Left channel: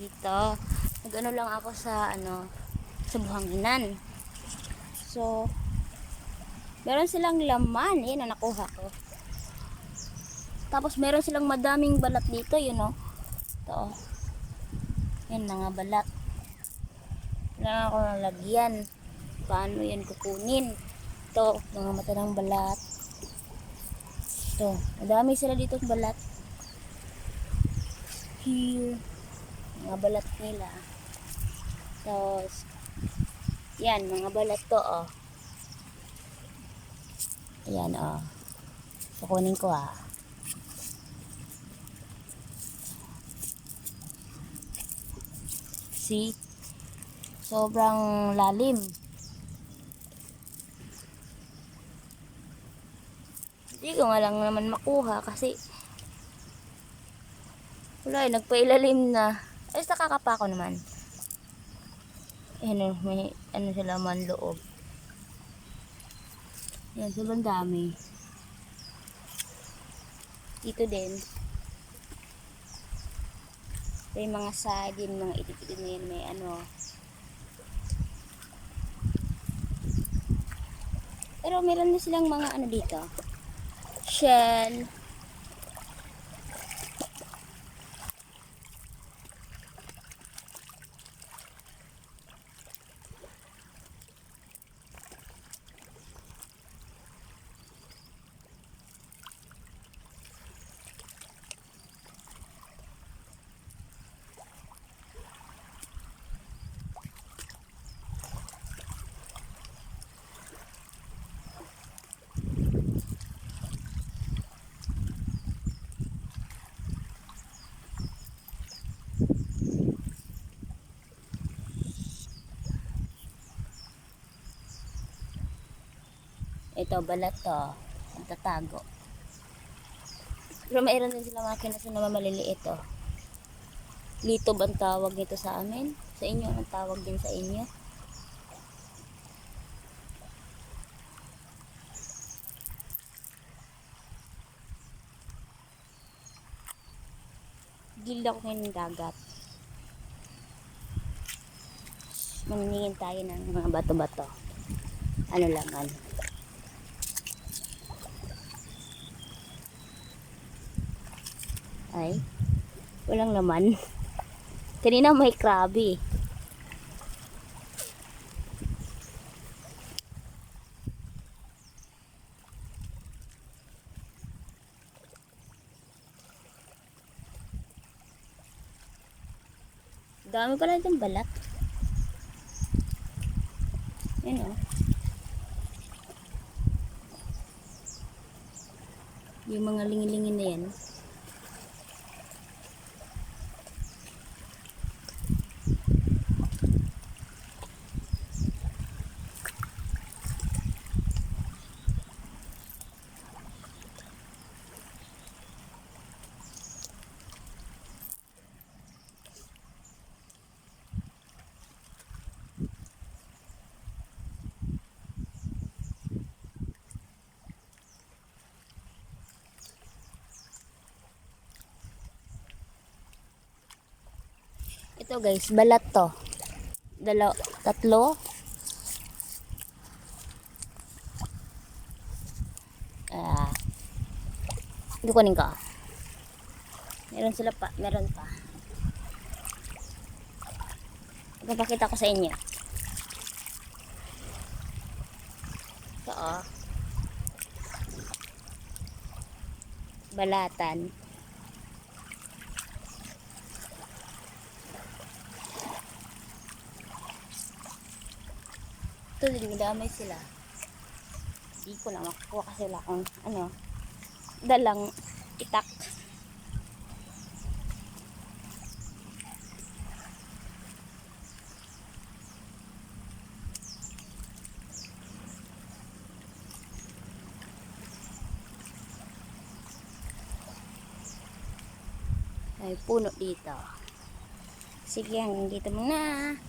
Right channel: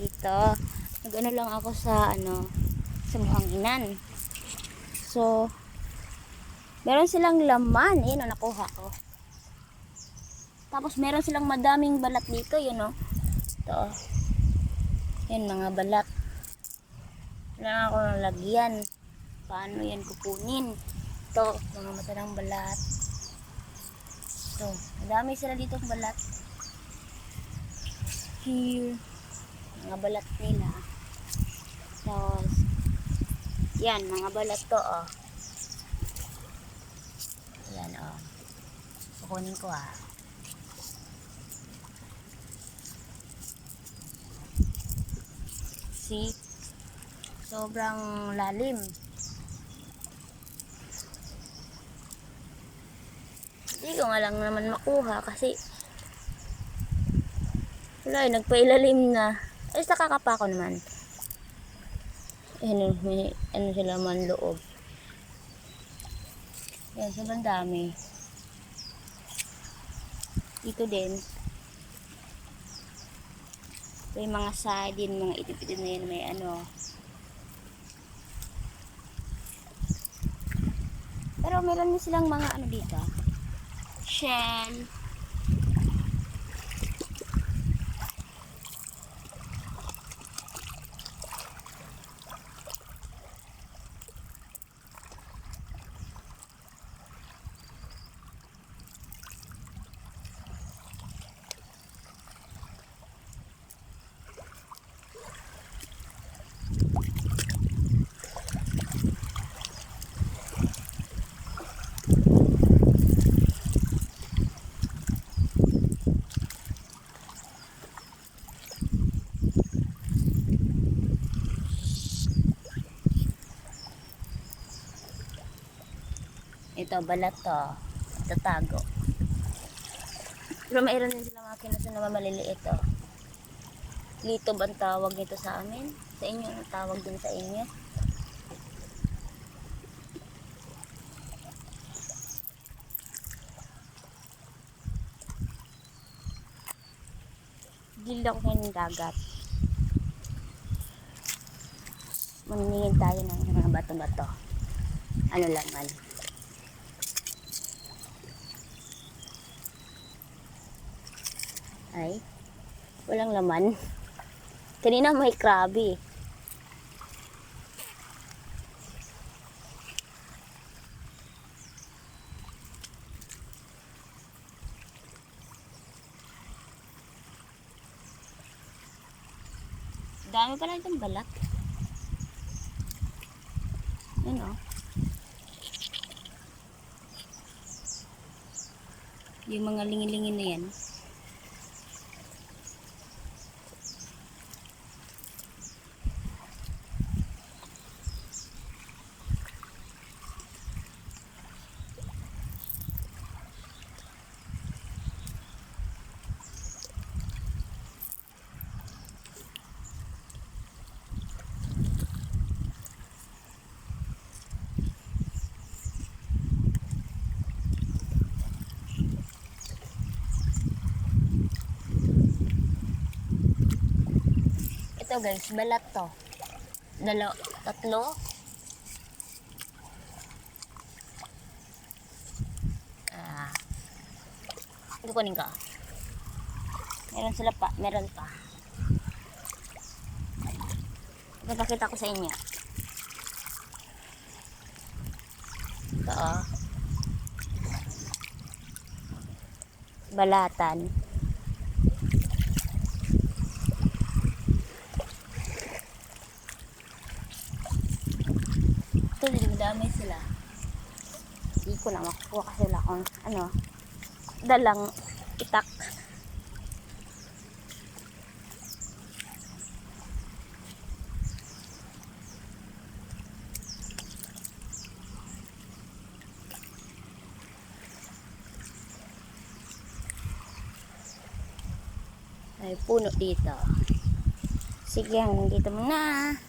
dito. Nag-ano lang ako sa sa buhanginan. So, meron silang laman. Ayan, nakuha ko. Tapos meron silang madaming balat dito, yun o. Ito. Yan, mga balat. Kailangan ako ng lagyan. Paano yan kukunin? Ito, mga mata ng balat. Ito, madami sila dito balat. Here, mga balat nila. Tapos, yan, mga balat to, oh. Ayan, oh. Kukunin ko, ah. See? Sobrang lalim. Hindi ko nga lang naman makuha kasi wala, nagpailalim na. Ay, nakakapa ko naman. Ayan, may ano sila man loob. Yan, sobrang dami. Dito din. May mga sardine, mga itip-itip na yan, may ano. Pero meron na silang mga ano dito. Shell. Ito, balat to. Magtatago. Pero mayroon din sila mga kinaso na maliliit to. Litob ang tawag nito sa amin. Sa inyo, ang tawag din sa inyo. Gila ko ngayon ng dagat. Maningin tayo ng mga bato-bato. Ano laman. Ay, walang laman. Kanina may krabi. Dami pala itong balat. Yan o. Yung mga lingin-lingin na yan. Ito guys, balat to. Tatlo. Kukunin ko. Meron sila pa, meron pa. Ipapakita ko sa inyo. Ito oh. Balatan. Ito din, madami sila. Hindi ko na makukuha kasi wala akong dalang itak. May puno dito. Sige, hanggang dito muna.